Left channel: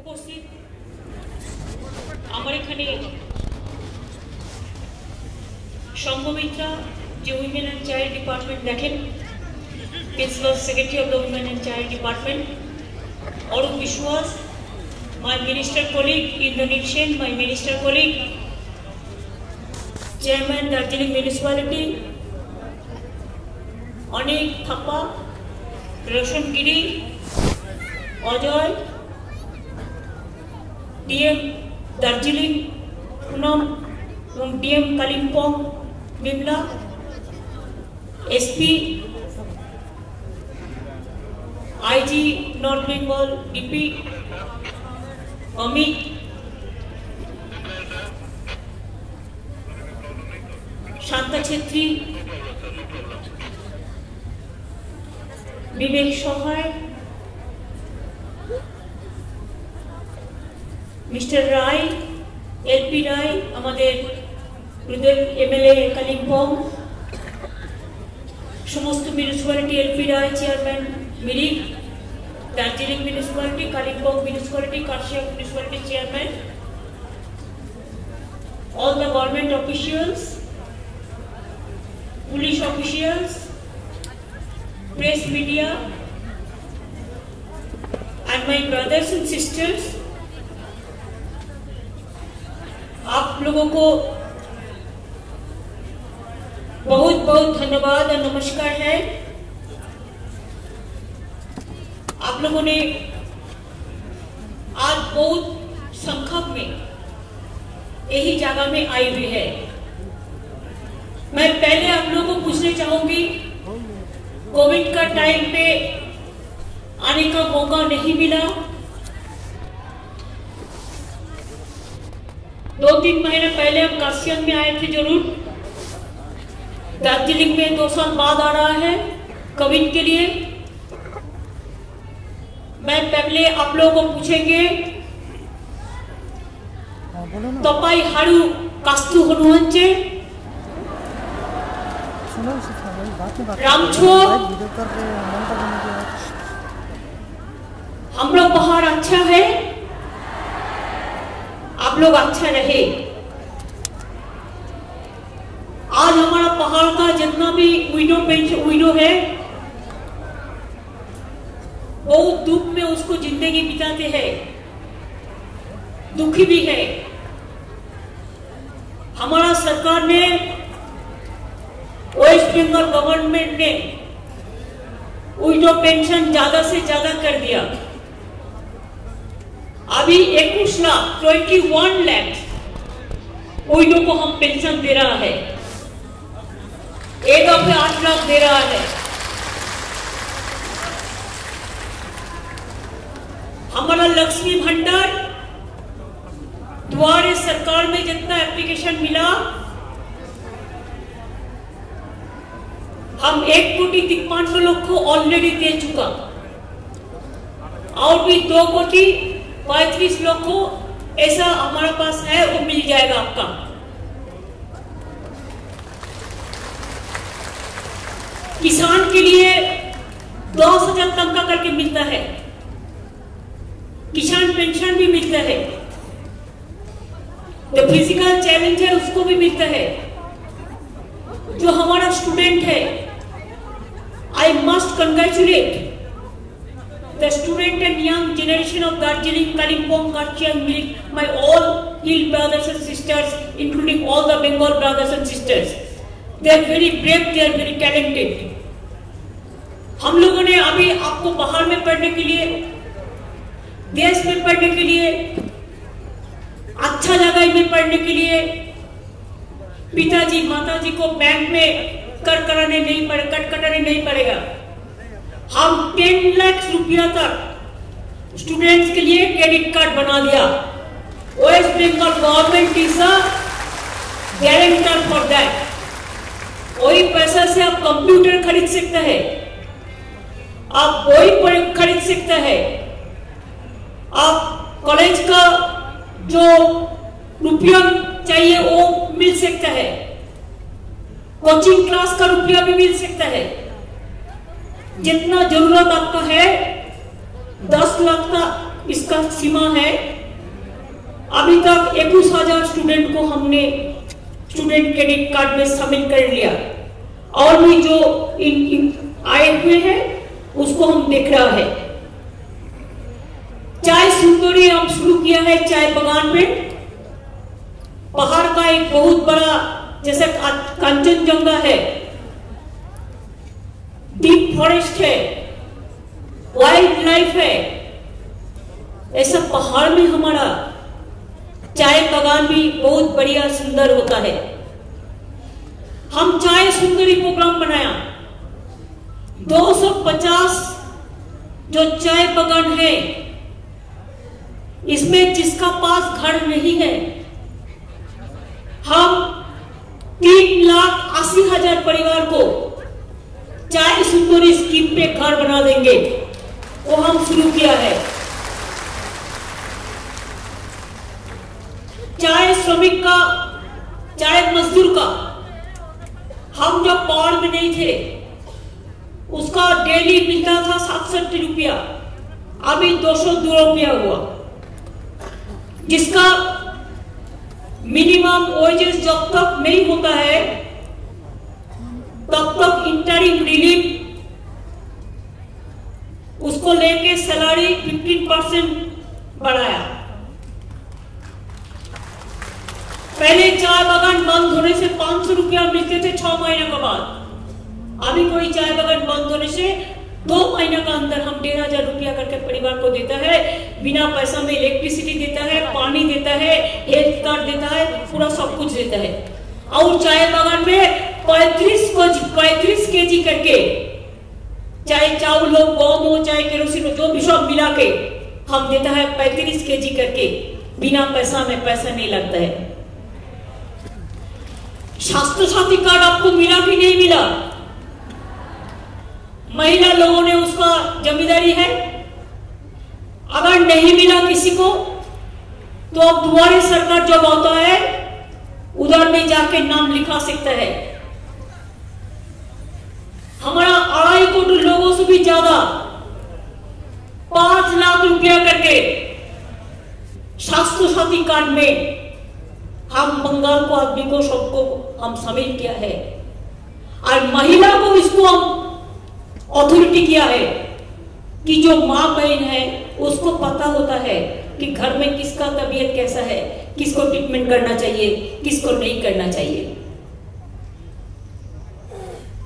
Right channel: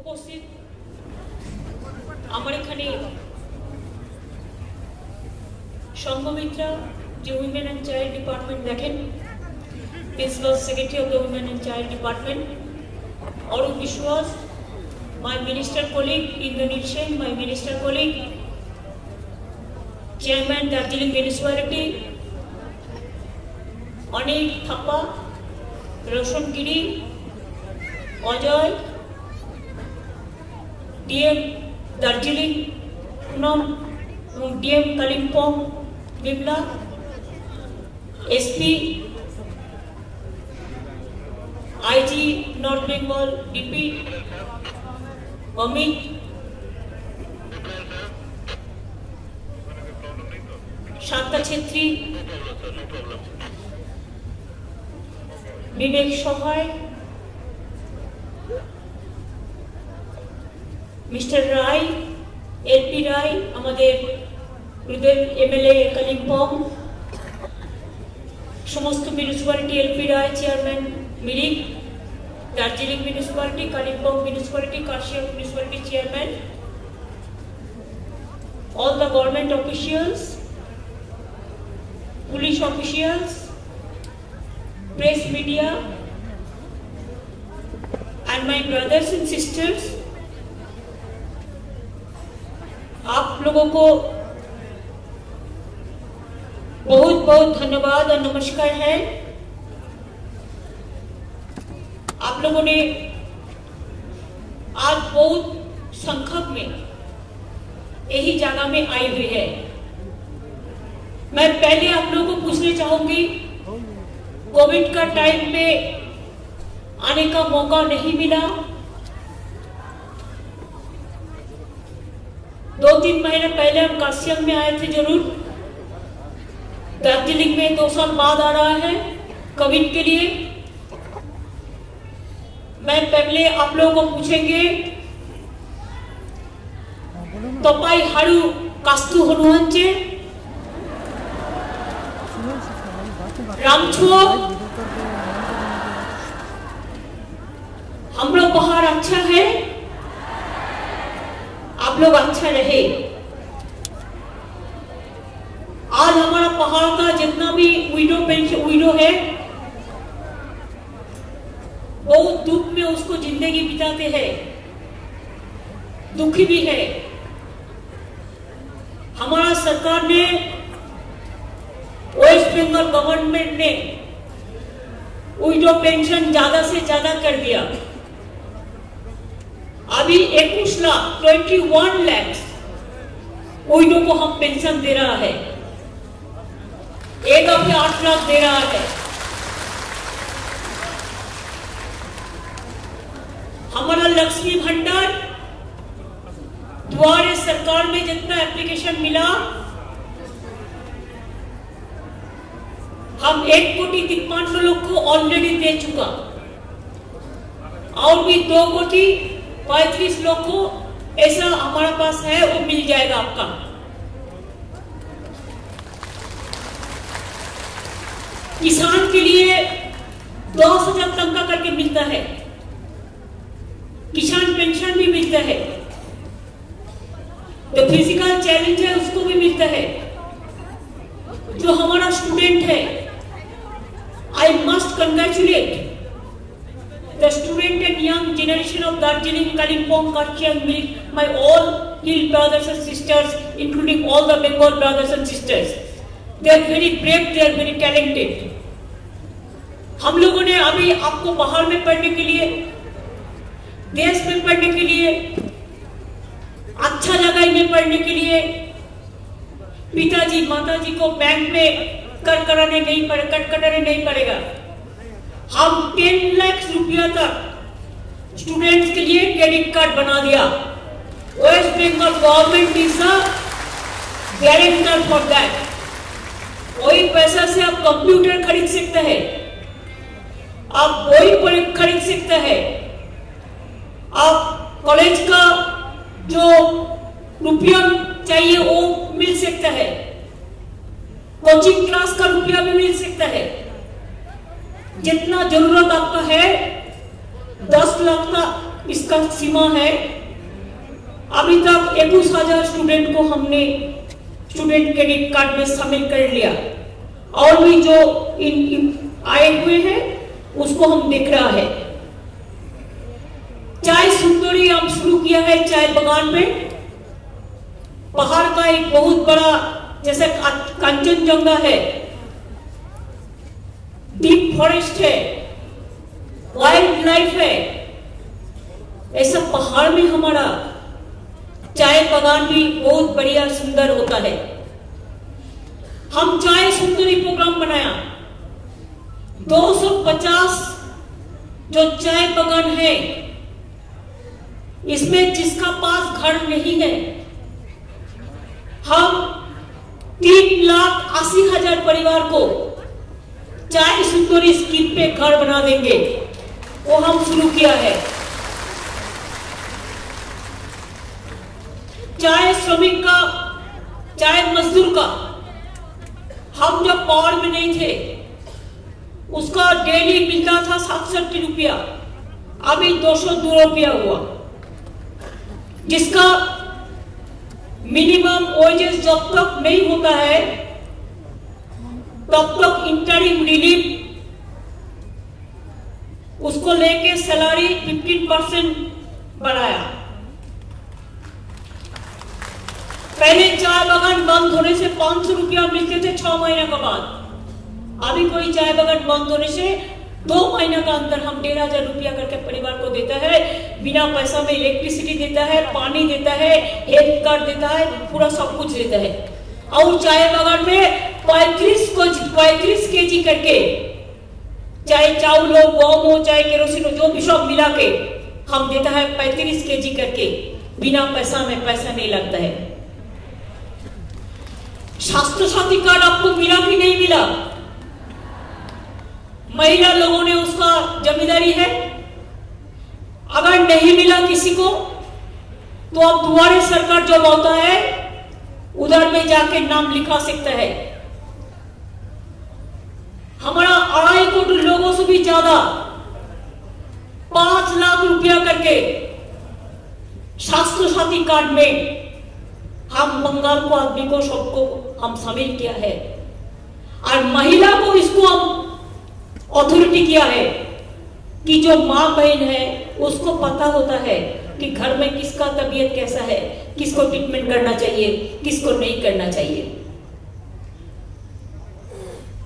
উপস্থিত আমার এখানে সংঘমিত্রা যে উইমেন অ্যান্ড চাইল্ড ডিপার্টমেন্ট দেখেন, principal secretary of the women and child department, Arup Biswas, my minister colleague Indrajit Sen, my minister colleague, chairman Darjeeling municipality, Anik Thappa, Roshan Giri, Ajoy, DM Darjeeling, Punam, DM Kalimpong, Bimla, SP, IG North Bengal, DP, Amit, Shanta Chhetri, Vivek Sahay, mister Rai, LP Rai, हमारे रुदेल MLA Kalimpong, समस्त municipality LP Rai chairman Mirik, Darjeeling municipality, Kalimpong municipality, Karshiang municipality chairman, all the government officials, police officials, press media, and my brothers and sisters, आप लोगों को बहुत बहुत धन्यवाद और नमस्कार है। आप लोगों ने आज बहुत संख्या में यही जगह में आई हुई है। मैं पहले आप लोगों को पूछना चाहूंगी, कोविड का टाइम पे आने का मौका नहीं मिला, 2-3 महीने पहले हम काशियांग में आए थे जरूर, दार्जिलिंग में 2 साल बाद आ रहा है कोविड के लिए। मैं पहले आप लोगों को पूछेंगे, तपाईं हारू कास्तु हुनुहुन्छ रामछो, हम लोग पहाड़ अच्छा है, आप लोग अच्छा रहे। आज हमारा पहाड़ का जितना भी विडो है, बहुत दुख में उसको जिंदगी बिताते हैं, दुखी भी है। हमारा सरकार ने, वेस्ट बंगाल गवर्नमेंट ने विडो पेंशन ज्यादा से ज्यादा कर दिया। अभी 21 लाख विडो को हम पेंशन दे रहा है, एक अभी 8 लाख दे रहा है। हमारा लक्ष्मी भंडार द्वारे सरकार में जितना एप्लीकेशन मिला, हम 1,53 लोग को ऑलरेडी दे चुका, और भी 2,35 लोग को ऐसा हमारे पास है, वो मिल जाएगा आपका। किसान के लिए 10,000 तनख्वाह करके मिलता है, किसान पेंशन भी मिलता है, जो फिजिकल चैलेंज है उसको भी मिलता है। जो हमारा स्टूडेंट है, I must congratulate the student and young generation of Darjeeling, Kalimpong, Kurseong, Mirik, my all hill brothers and sisters, including all the Bengal brothers and sisters. They are very brave, they are very talented. हम लोगों ने अभी आपको बाहर में पढ़ने के लिए, देश में पढ़ने के लिए, अच्छा जगह में पढ़ने के लिए पिताजी माताजी को बैंक में कट कटाने नहीं पड़ेगा। हम 10 लाख रुपया तक स्टूडेंट्स के लिए क्रेडिट कार्ड बना दिया। West Bengal government is a guarantor for that. वही पैसा से आप कंप्यूटर खरीद सकते हैं, आप वही खरीद सकते हैं, आप कॉलेज का जो रुपया चाहिए वो मिल सकता है, कोचिंग क्लास का रुपया भी मिल सकता है। जितना जरूरत आपका है 10 लाख इसका सीमा है। अभी तक 21,000 स्टूडेंट को हमने स्टूडेंट क्रेडिट कार्ड में शामिल कर लिया, और भी जो आए हुए हैं उसको हम देख रहा है। चाय सुंदरी हम शुरू किया है चाय बगान में। पहाड़ का एक बहुत बड़ा जैसे कंचनजंगा है, डीप फॉरेस्ट है, वाइल्ड लाइफ है, ऐसा पहाड़ में हमारा चाय बगान भी बहुत बढ़िया सुंदर होता है। हम चाय सुंदरी प्रोग्राम बनाया। 250 जो चाय बगान है, इसमें जिसका पास घर नहीं है, हम 3,80,000 परिवार को चाय सुंदरी स्कीम पे घर बना देंगे। वो हम शुरू किया है। चाय श्रमिक का, चाय मजदूर का, हम जब पावर में नहीं थे उसका डेली मिलता था 67 रुपया, अभी 202 रुपया हुआ, जिसका मिनिमम वेजेस जब तक नहीं होता है तब तक इंटरिम रिलीफ उसको लेके सैलरी 15% बढ़ाया। पहले चाय बागान बंद होने से 500 रुपया मिलते थे 6 महीने के बाद। अभी कोई चाय बागान बंद होने से 2 महीने का अंदर हम 1,500 रुपया करके परिवार को देता है। बिना पैसा में इलेक्ट्रिसिटी देता है, पानी देता है, हेल्थ कार्ड देता है, पूरा सब कुछ देता है। और चाय बागान में 35 केजी करके, चाहे चावल हो, गम हो, चाहे केरोसिन हो, जो भी सब मिला के हम देता है 35 केजी करके। बिना पैसा में, पैसा नहीं लगता है। स्वास्थ्य साथी कार्ड आपको मिला कि नहीं मिला? महिला लोगों ने उसका जिम्मेदारी है। अगर नहीं मिला किसी को तो अब दुआरे सरकार जब होता है उधर में जाके नाम लिखा सकता है। हमारा 2.5 करोड़ लोगों से भी ज्यादा 5 लाख रुपया करके स्वास्थ्य साथी कार्ड में हम बंगाल को आदमी को सबको हम शामिल किया है। और महिला को इसको हम अथॉरिटी किया है कि जो माँ बहन है उसको पता होता है कि घर में किसका तबीयत कैसा है, किसको ट्रीटमेंट करना चाहिए, किसको नहीं करना चाहिए।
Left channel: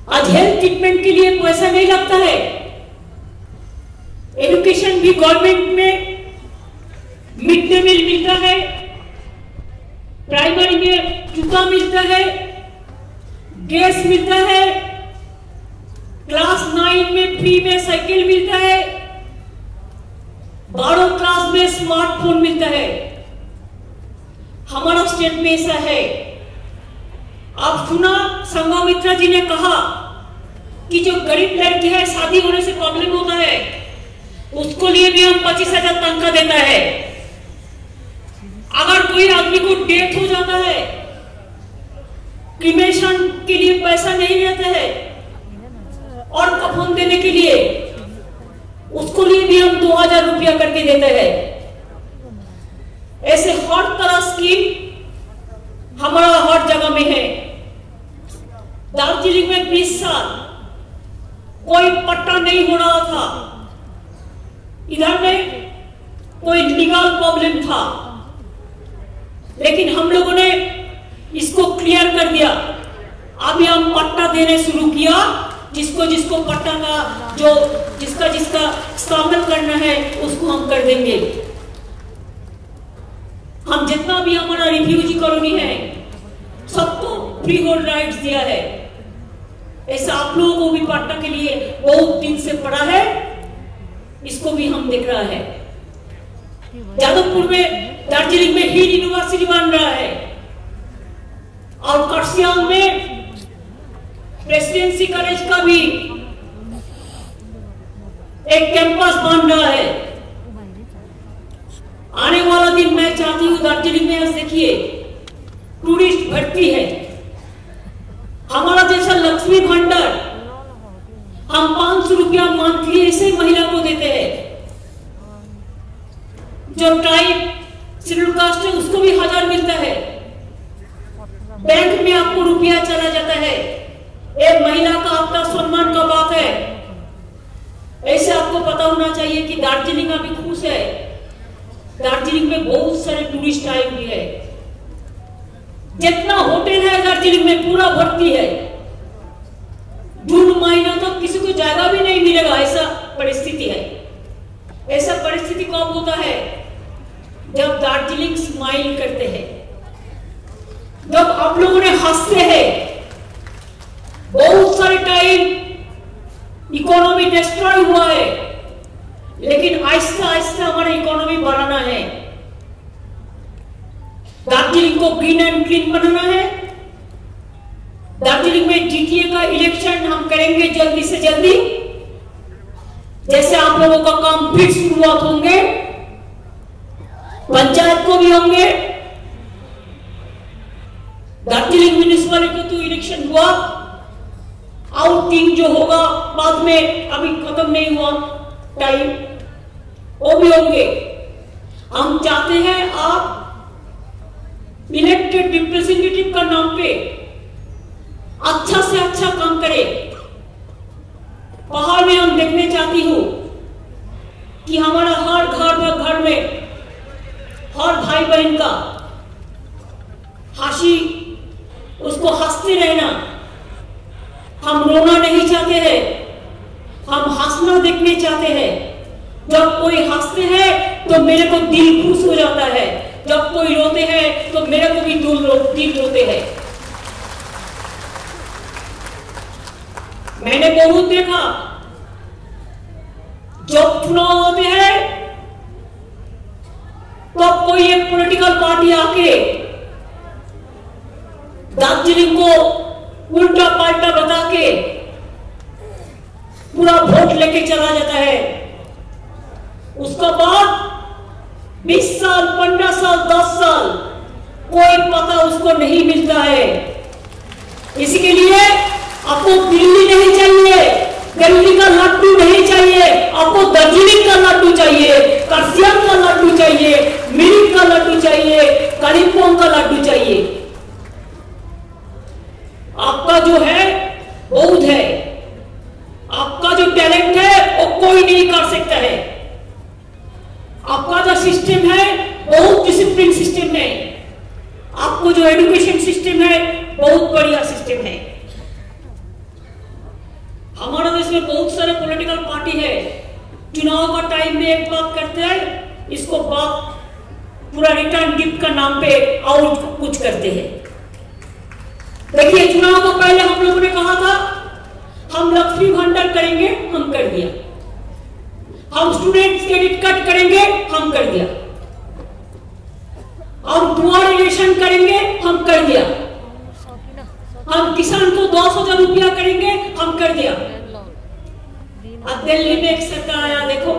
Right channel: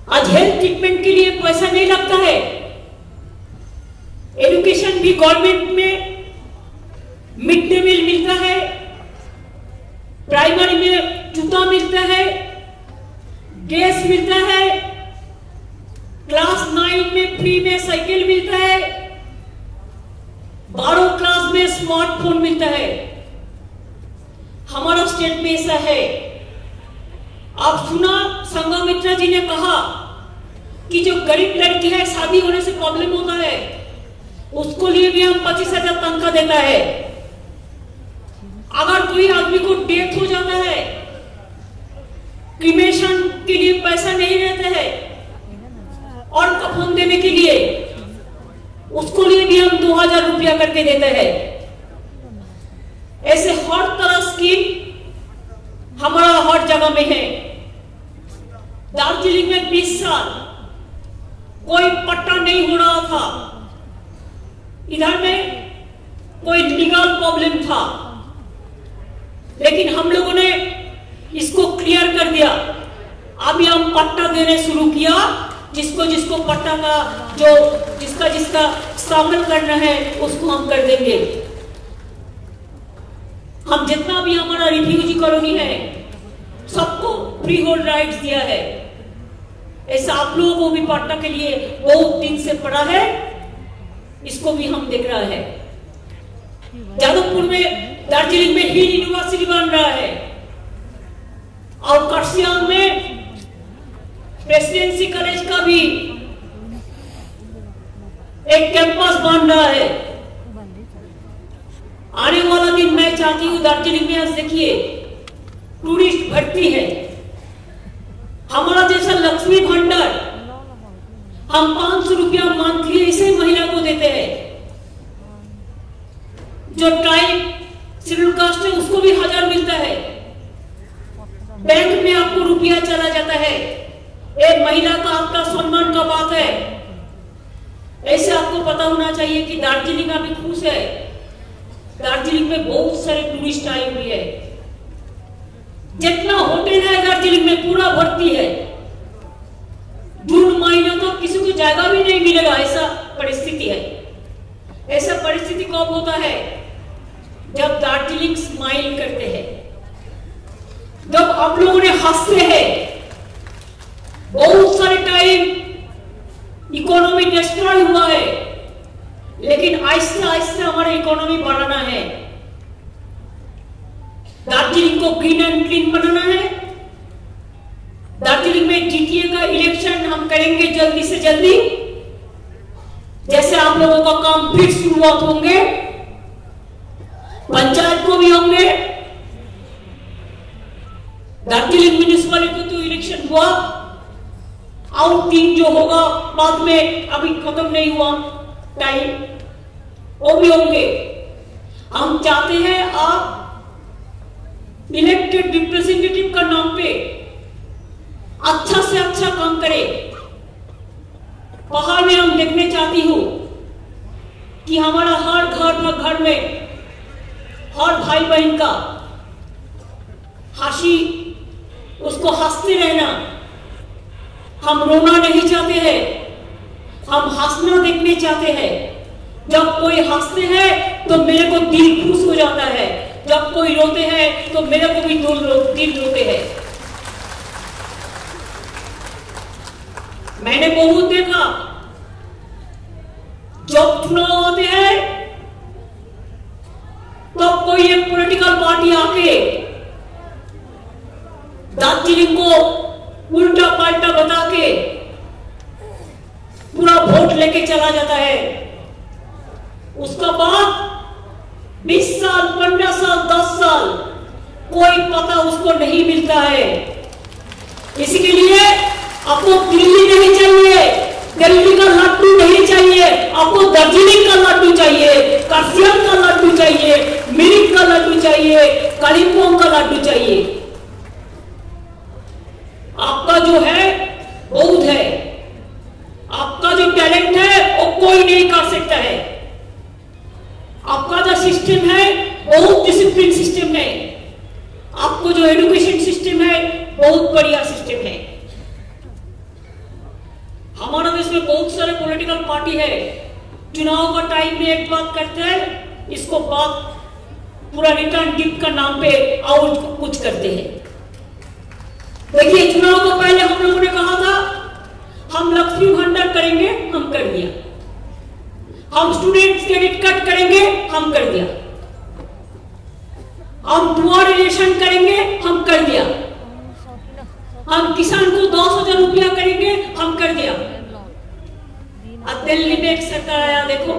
आज हेल्थ ट्रीटमेंट के लिए पैसा नहीं लगता है। एजुकेशन भी गवर्नमेंट में मिड डे मील मिलता है, प्राइमरी में जूता मिलता है, गैस मिलता है, क्लास 9 में फ्री में साइकिल मिलता है, 12 क्लास में स्मार्टफोन मिलता है। हमारा स्टेट में ऐसा है। आप सुना संघमित्रा जी ने कहा कि जो गरीब लड़की है, शादी होने से प्रॉब्लम होता है, उसको लिए भी हम 25,000 तनख्वाह देता है। अगर कोई आदमी को डेथ हो जाता है, क्रिमेशन के लिए पैसा नहीं रहता है और कफन देने के लिए उसको लिए भी हम 2,000 रुपया करके देते हैं। ऐसे हर तरह स्कीम हमारा हर जगह में है। दार्जिलिंग में 20 साल कोई पट्टा नहीं हो रहा था। इधर में कोई लीगल प्रॉब्लम था, लेकिन हम लोगों ने इसको क्लियर कर दिया। अभी हम पट्टा देने शुरू किया। जिसको जिसको पट्टा का जो जिसका इस्तेमाल करना है उसको हम कर देंगे। हम जितना भी हमारा रिफ्यूजी कॉलोनी है सबको फ्री होल्ड राइट्स दिया है। ऐसा आप लोगों को भी पट्टा के लिए बहुत दिन से पड़ा है, इसको भी हम देख रहा है। जादवपुर में, दार्जिलिंग में ही यूनिवर्सिटी बन रहा है और कर्सियांग में प्रेसिडेंसी कॉलेज का भी एक कैंपस बन रहा है। आने वाला दिन मैं चाहती हूं दार्जिलिंग में देखिए टूरिस्ट भर्ती है। हमारा जैसा लक्ष्मी भंडार हम 500 रुपया मंथली ऐसे महिला को देते हैं। जो ट्राइब शेड्यूल कास्ट है उसको भी 1000 मिलता है। बैंक में आपको रुपया चला जाता है। एक महिला का आपका सम्मान का बात है। ऐसे आपको पता होना चाहिए कि दार्जिलिंग अभी खुश है। दार्जिलिंग में बहुत सारे टूरिस्ट आए हुए हैं। जितना होटल है दार्जिलिंग में पूरा भर्ती है। जून महीना तो किसी को जगह भी नहीं मिलेगा, ऐसा परिस्थिति है। ऐसा परिस्थिति कब होता है? जब दार्जिलिंग स्माइल करते हैं, जब आप लोगों ने हंसते हैं। बहुत सारे टाइम इकोनॉमी डिस्ट्रॉय हुआ है, लेकिन आहिस्ता आहिस्ता हमारा इकोनॉमी बढ़ाना है। दार्जिलिंग को ग्रीन एंड क्लीन बनाना है। दार्जिलिंग में जीटीए का इलेक्शन हम करेंगे जल्दी से जल्दी। जैसे आप लोगों का काम फिर शुरुआत होंगे, पंचायत को भी होंगे। दार्जिलिंग म्युनिसिपैलिटी तो इलेक्शन हुआ, आउट 3 जो होगा बाद में, अभी खत्म नहीं हुआ टाइम, वो भी होंगे। हम चाहते हैं आप इलेक्टेड रिप्रेजेंटेटिव का नाम पे अच्छा से अच्छा काम करें। पहाड़ में हम देखने चाहती हूं कि हमारा हर घर में हर भाई बहन का हंसी, उसको हंसते रहना। हम रोना नहीं चाहते हैं, हम हंसना देखने चाहते हैं। जब कोई हंसते हैं तो मेरे को दिल खुश हो जाता है, जब कोई रोते हैं तो मेरे को भी दिल रोते हैं। मैंने बहुत देखा, जब चुनाव होते हैं तब कोई एक पॉलिटिकल पार्टी आके दार्जिलिंग को उल्टा पाल्टा बता के पूरा वोट लेके चला जाता है। उसका बाद 20 साल, 15 साल, 10 साल कोई पता उसको नहीं मिलता है। इसी के लिए आपको दिल्ली नहीं चाहिए, दिल्ली का लड्डू नहीं चाहिए, आपको दार्जिलिंग का लड्डू चाहिए, कर्सियंग का लड्डू चाहिए, मिरिक का लड्डू चाहिए, कालिम्पोंग का लड्डू चाहिए। आपका जो है बहुत है, आपका जो टैलेंट है वो कोई नहीं कर सकता है। आपका जो सिस्टम है बहुत डिसिप्लिन सिस्टम है। आपको जो एजुकेशन सिस्टम है बहुत बढ़िया सिस्टम है। हमारा देश में बहुत सारे पॉलिटिकल पार्टी है, चुनाव का टाइम में एक बात करते हैं, इसको बात पूरा रिटर्न गिफ्ट का नाम पे और कुछ करते हैं। देखिए, चुनाव को पहले हम लोगों ने कहा था हम लक्ष्मी भंडार करेंगे, हम कर दिया। हम स्टूडेंट्स क्रेडिट कार्ड करेंगे, हम कर दिया। हम पुअर रिलेशन करेंगे, हम कर दिया। हम किसान को 10,000 रुपया करेंगे, हम कर दिया। अब दिल्ली में एक सरकार आया, देखो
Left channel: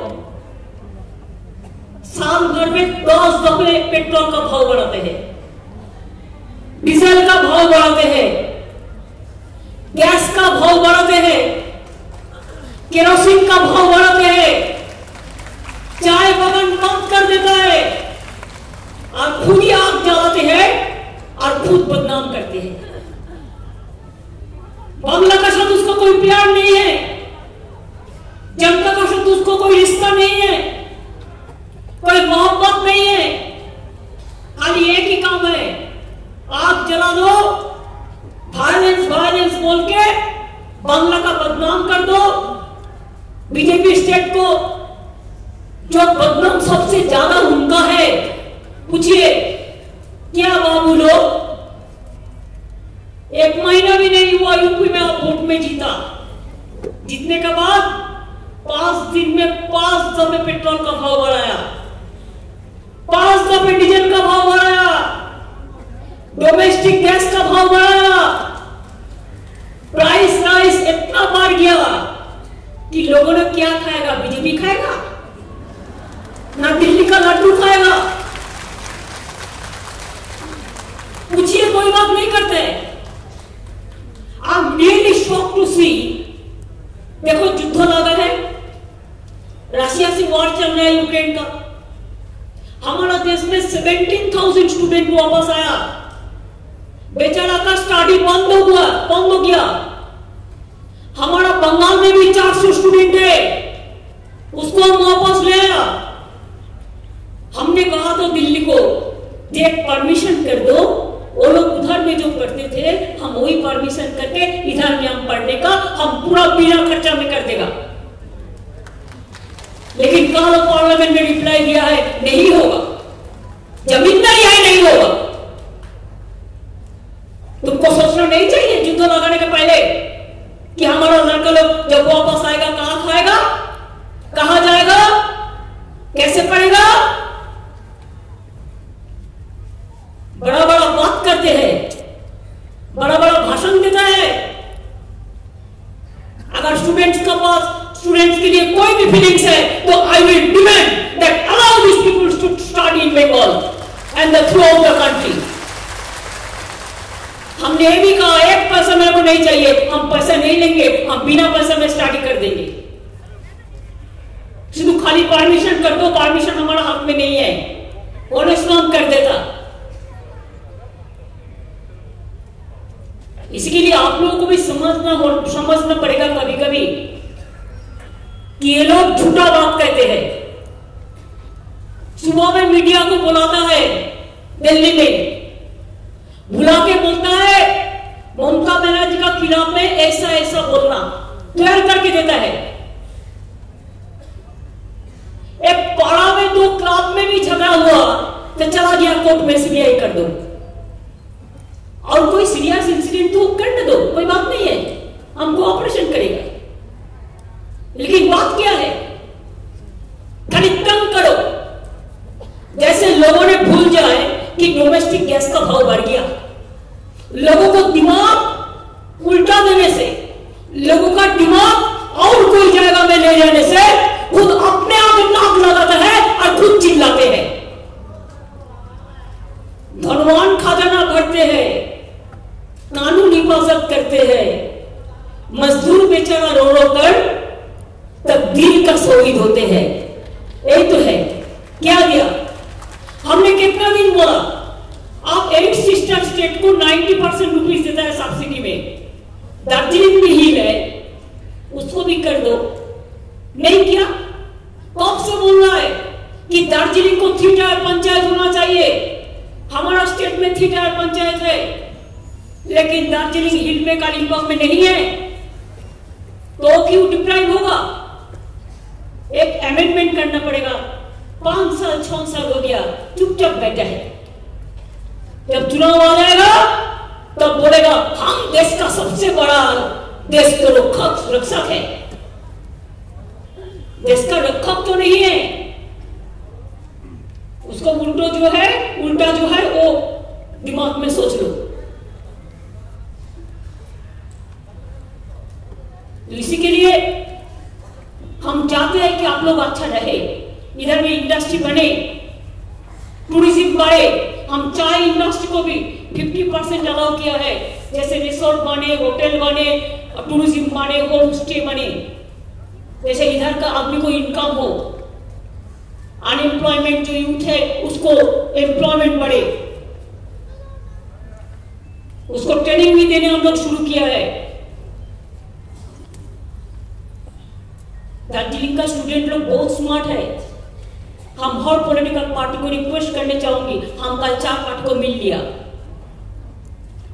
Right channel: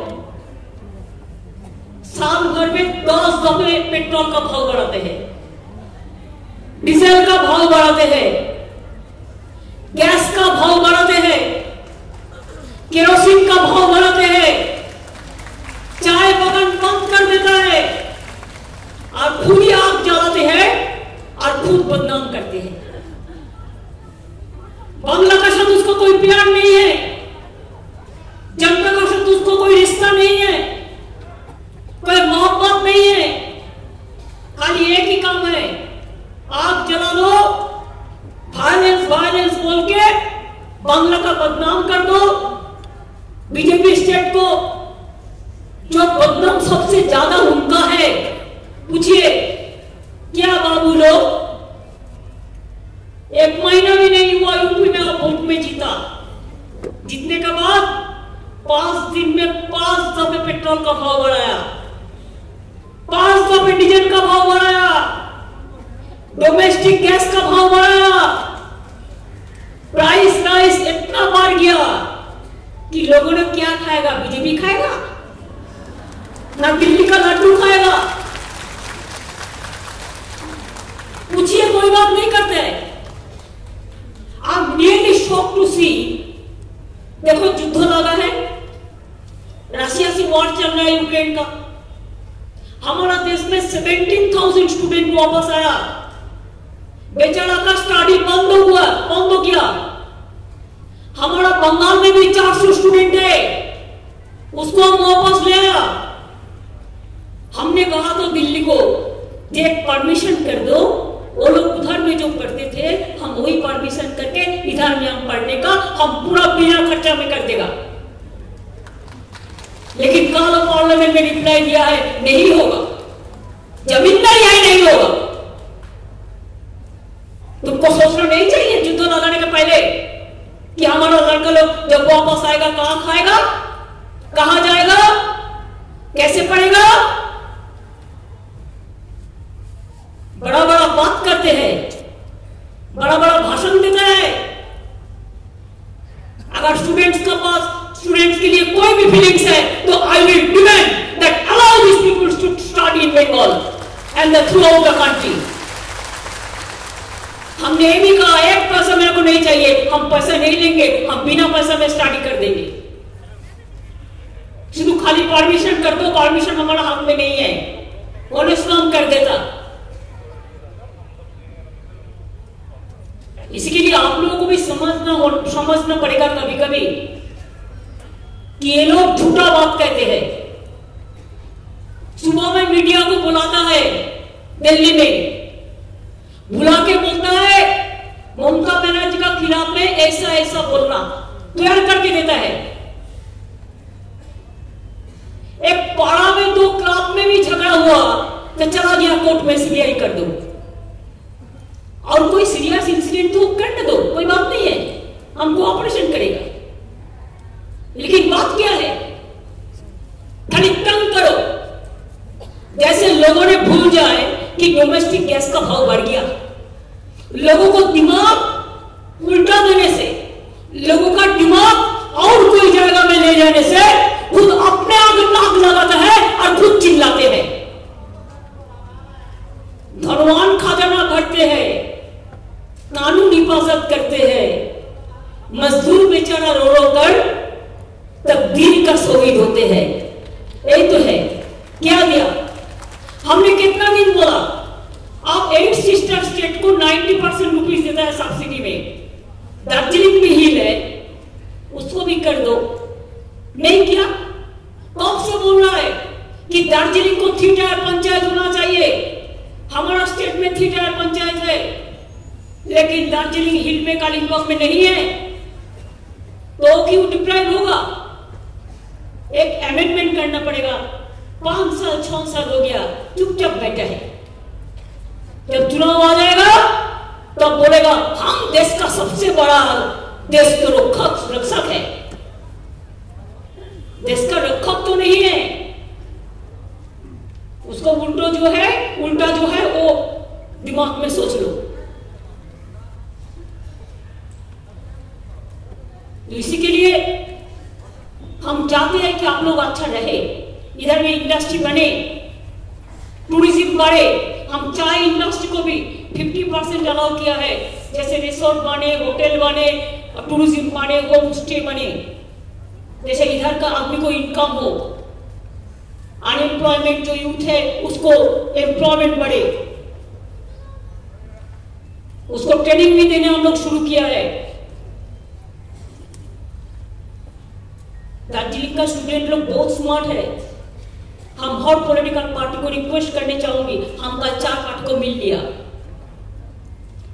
साल भर में 10 दफे पेट्रोल का भाव बढ़ाते हैं, डीजल का भाव बढ़ाते हैं, गैस का भाव बढ़ाते हैं, केरोसिन का भाव बढ़ाते हैं, चाय बगान बंद कर देता है और खुद ही आग जलाते हैं और खुद बदनाम करते हैं। बांग्ला का साथ उसको कोई प्यार नहीं है, जनता का साथ उसको कोई रिश्ता नहीं है, कोई मोहब्बत नहीं है। खाली एक ही काम है, आग जला दो, वायलेंस वायलेंस बोल के बांग्ला का बदनाम कर दो। बीजेपी स्टेट को जो बदनाम सबसे ज्यादा उनका है, पूछिए क्या बाबू लोग, 1 महीना भी नहीं हुआ यूपी में आप वोट में जीता। जीतने के बाद 5 दिन में 5 दफे पेट्रोल का भाव बढ़ाया, 5 दफे डीजल का भाव बढ़ाया, डोमेस्टिक गैस का भाव बढ़ाया, प्राइस राइस इतना बढ़ गया कि लोगों ने क्या खाएगा? बीजेपी खाएगा ना दिल्ली का लड्डू खाएगा? पूछिए, कोई बात नहीं करते। I'm really shocked to see, देखो युद्ध लगा है, रशिया से वॉर चल रहा है यूक्रेन का, हमारा देश में 17,000 स्टूडेंट वापस आया। बेचारा का स्टडी बंद हो गया। हमारा बंगाल में भी 400 स्टूडेंट है, उसको हम वापस ले आया। हमने कहा तो दिल्ली को एक परमिशन कर दो, वो लोग उधर में जो पढ़ते थे हम वही परमिशन करके इधर में हम पढ़ने का हम पूरा बिना खर्चा में कर देगा। लेकिन कल पार्लियामेंट में रिप्लाई दिया है नहीं होगा, जमीन नहीं है, नहीं होगा। तुमको सोचना नहीं चाहिए युद्ध लगाने के पहले कि हमारा लड़का लोग जब वापस आएगा कहां खाएगा, कहां जाएगा, कैसे पढ़ेगा। बड़ा बड़ा बात करते हैं, बड़ा बड़ा भाषण देता है। अगर स्टूडेंट्स के लिए कोई भी फीलिंग्स है तो I will demand that allow this people to study in Bengal and throughout the country. हमने ये भी कहा एक पैसा मेरे को नहीं चाहिए, हम पैसा नहीं लेंगे, हम बिना पैसा में स्टडी कर देंगे। सिर्फ खाली परमिशन कर दो, परमिशन हमारा हाथ में नहीं है, ऑनेस्ट काम कर देता। इसके लिए आप लोगों को भी समझना पड़ेगा कभी कभी कि ये लोग झूठा बात कहते हैं। सुबह में मीडिया को बुलाता है दिल्ली में, बुला के बोलता है ममता बनर्जी का खिलाफ में ऐसा ऐसा बोलना तैयार करके देता है। एक पारा में 2 क्लास में भी झगड़ा हुआ तो चला गया कोर्ट में सीबीआई कर दो, और कोई सीरियस इंसिडेंट तो कर दो, कोई बात नहीं है, हम कोऑपरेशन करेगा। लेकिन बात क्या है, खाली तंग करो। जैसे लोगों ने भूल जाए कि डोमेस्टिक गैस का भाव बढ़ गया, लोगों को दिमाग उल्टा देने से, लोगों का दिमाग और कोई जगह में ले जाने से खुद अपने आप नाक लगाता है और खुद चिल्लाते हैं। धनवान खजाना भरते हैं, कानून हिफाजत करते हैं, मजदूर बेचारा रो रो कर तकदीर का शहीद होते हैं। यही तो है। क्या दिया हमने, कितना दिन बोला आप 8 सिस्टर स्टेट को 90% रुपीज देता है सब्सिडी में, दार्जिलिंग में हिल है उसको भी कर दो, नहीं किया। कब से बोल रहा है कि दार्जिलिंग को 3 टायर पंचायत होना चाहिए, हमारा स्टेट में 3 टायर पंचायत है, लेकिन दार्जिलिंग हिल में कालिम्पोंग में नहीं है, तो क्यों डिप्राइव होगा। एक अमेंडमेंट करना पड़ेगा। 5 साल 6 साल हो गया चुपचाप बैठा है, जब चुनाव आ जाएगा तब बोलेगा हम देश का सबसे बड़ा देश के रक्षक है। देश का रक्षक तो नहीं है, उसको उल्टा जो है वो दिमाग में सोच लो। तो इसी के लिए हम चाहते हैं कि आप लोग अच्छा रहे, इधर भी इंडस्ट्री बने, टूरिज्म बढ़े। हम चाय इंडस्ट्री को भी 50% अलाउ किया है, जैसे रिसोर्ट बने, होटल बने, टूरिज्म बने, होम स्टे बने, जैसे इधर का आदमी को इनकम हो, अनएम्प्लॉयमेंट जो यूथ है उसको एम्प्लॉयमेंट बढ़े, उसको ट्रेनिंग भी देने हम लोग शुरू किया है। दार्जिलिंग का स्टूडेंट लोग बहुत स्मार्ट है। हम हर पॉलिटिकल पार्टी को रिक्वेस्ट करने चाहूंगी, हम कल 4 पार्टी को मिल लिया,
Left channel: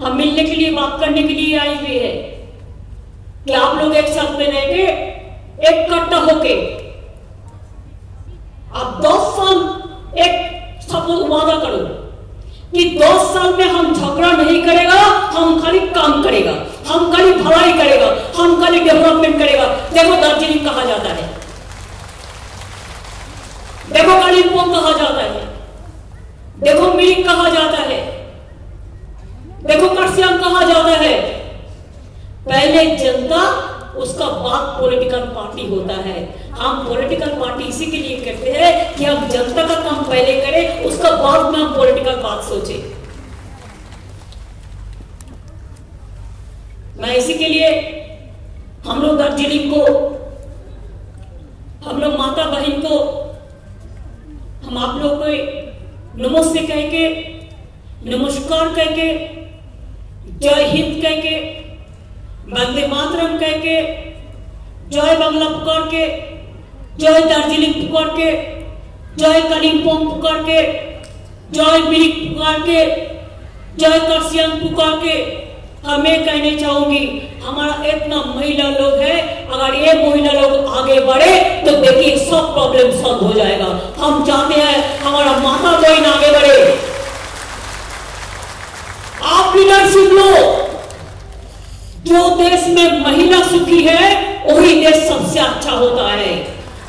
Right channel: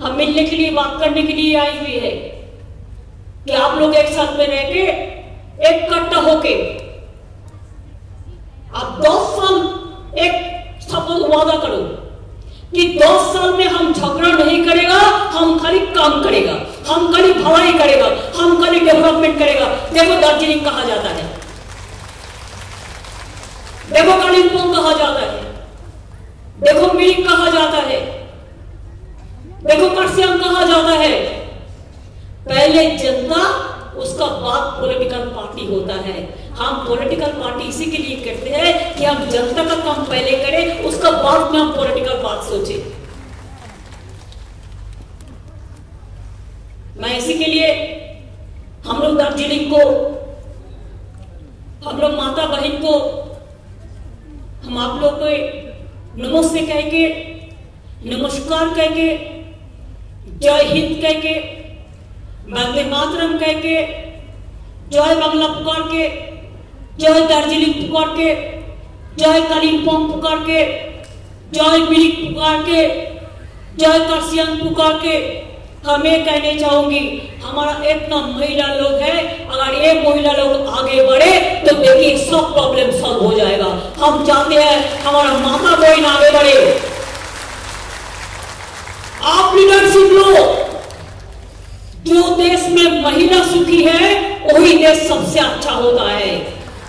हम मिलने के लिए बात करने के लिए आई हुई है कि आप लोग एक साथ में रह के इकट्ठा होके आप 10 साल एक सबको वादा करो कि 10 साल में हम झगड़ा नहीं करेगा, हम खाली काम करेगा, हम खाली भलाई करेगा, हम खाली डेवलपमेंट करेगा। देखो दार्जिलिंग कहा जाता है, देखो कालिम्पोंग कहा जाता है, देखो मिरिक कहा जाता है, देखो कर्सियंग कहा जाता है। पहले जनता, उसका बाद पॉलिटिकल पार्टी होता है। हम पॉलिटिकल पार्टी इसी के लिए करते हैं कि हम जनता का काम पहले करें, उसका बाद में हम पॉलिटिकल बात सोचें। मैं इसी के लिए हम लोग दार्जिलिंग को, हम लोग माता बहन को, हम आप लोग को नमस्ते कह के, नमस्कार कह के, जय हिंद कह के, वंदे मातरम कह के, जय बांग्ला पुकार के, जय दार्जिलिंग पुकार के, जय कालिम्पोंग पुकार के, जय मिरिक पुकार के, जय कर्सियंग पुकार के हमें कहने चाहूंगी, हमारा इतना महिला लोग है, अगर ये महिला लोग आगे बढ़े तो देखिए सब प्रॉब्लम सॉल्व हो जाएगा। हम चाहते हैं हमारा माता बहन आगे बढ़े। आप लीडरशिप लो। जो देश में महिला सुखी है वही देश सबसे अच्छा होता है।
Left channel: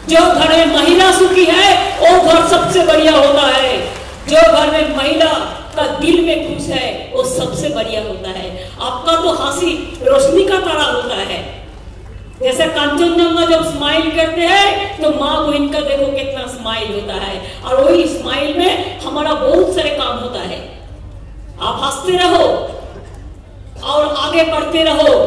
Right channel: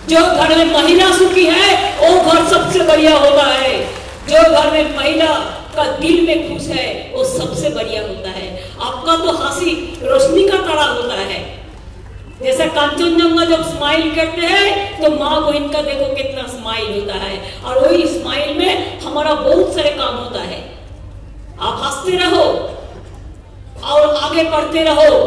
जो घर में महिला सुखी है वो घर सबसे बढ़िया होता है। जो घर में महिला का दिल में खुश है वो सबसे बढ़िया होता है। आपका तो हंसी रोशनी का तरह होता है। जैसे कांचनजंगा जब स्माइल करते हैं तो माँ बहन का देखो कितना स्माइल होता है, और वही स्माइल में हमारा बहुत सारे काम होता है। आप हंसते रहो और आगे बढ़ते रहो।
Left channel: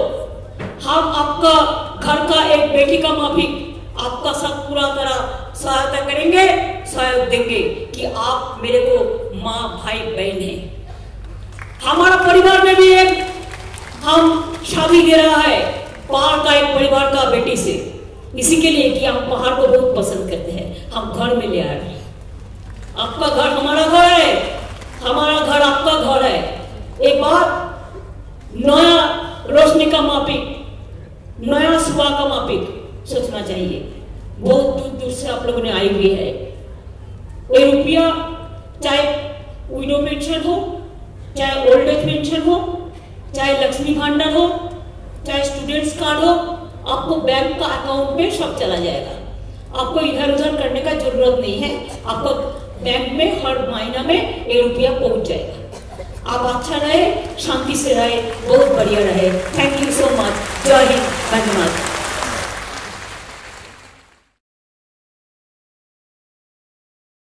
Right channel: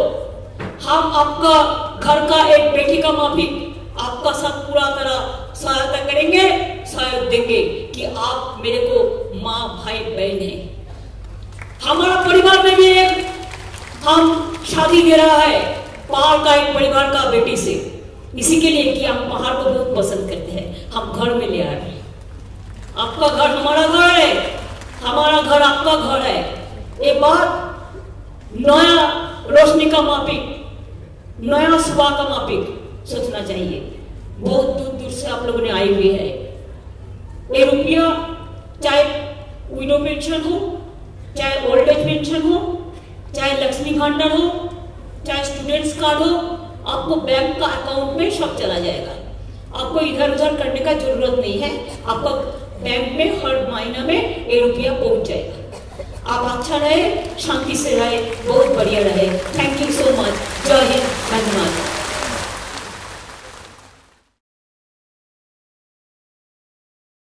हम आपका घर का एक बेटी का माफिक आपका साथ पूरा तरह सहायता करेंगे, सहयोग देंगे कि आप मेरे को माँ भाई बहन है। हमारा परिवार में भी एक हम शादी दे रहा है पहाड़ का एक परिवार का बेटी से, इसी के लिए कि हम पहाड़ को बहुत पसंद करते हैं। हम घर में ले आ रहे हैं। आपका घर हमारा घर है, हमारा घर आपका घर है। एक बार नया रोशनी का मापिक, नया सुबह का मापिक सोचना चाहिए। बहुत दूर दूर से आप लोगों ने आई हुई है। ये रुपया चाहे विडो पेंशन हो, चाहे ओल्ड एज पेंशन हो, चाहे लक्ष्मी भंडार हो, चाहे स्टूडेंट्स कार्ड हो, आपको बैंक का अकाउंट में सब चला जाएगा। आपको इधर उधर करने का जरूरत नहीं है। आपको बैंक में हर महीना में ये रुपया पहुंच जाएगा। आप अच्छा रहे, शांति से रहे, बहुत बढ़िया रहे। Thank you so much. जय हिंद, धन्यवाद।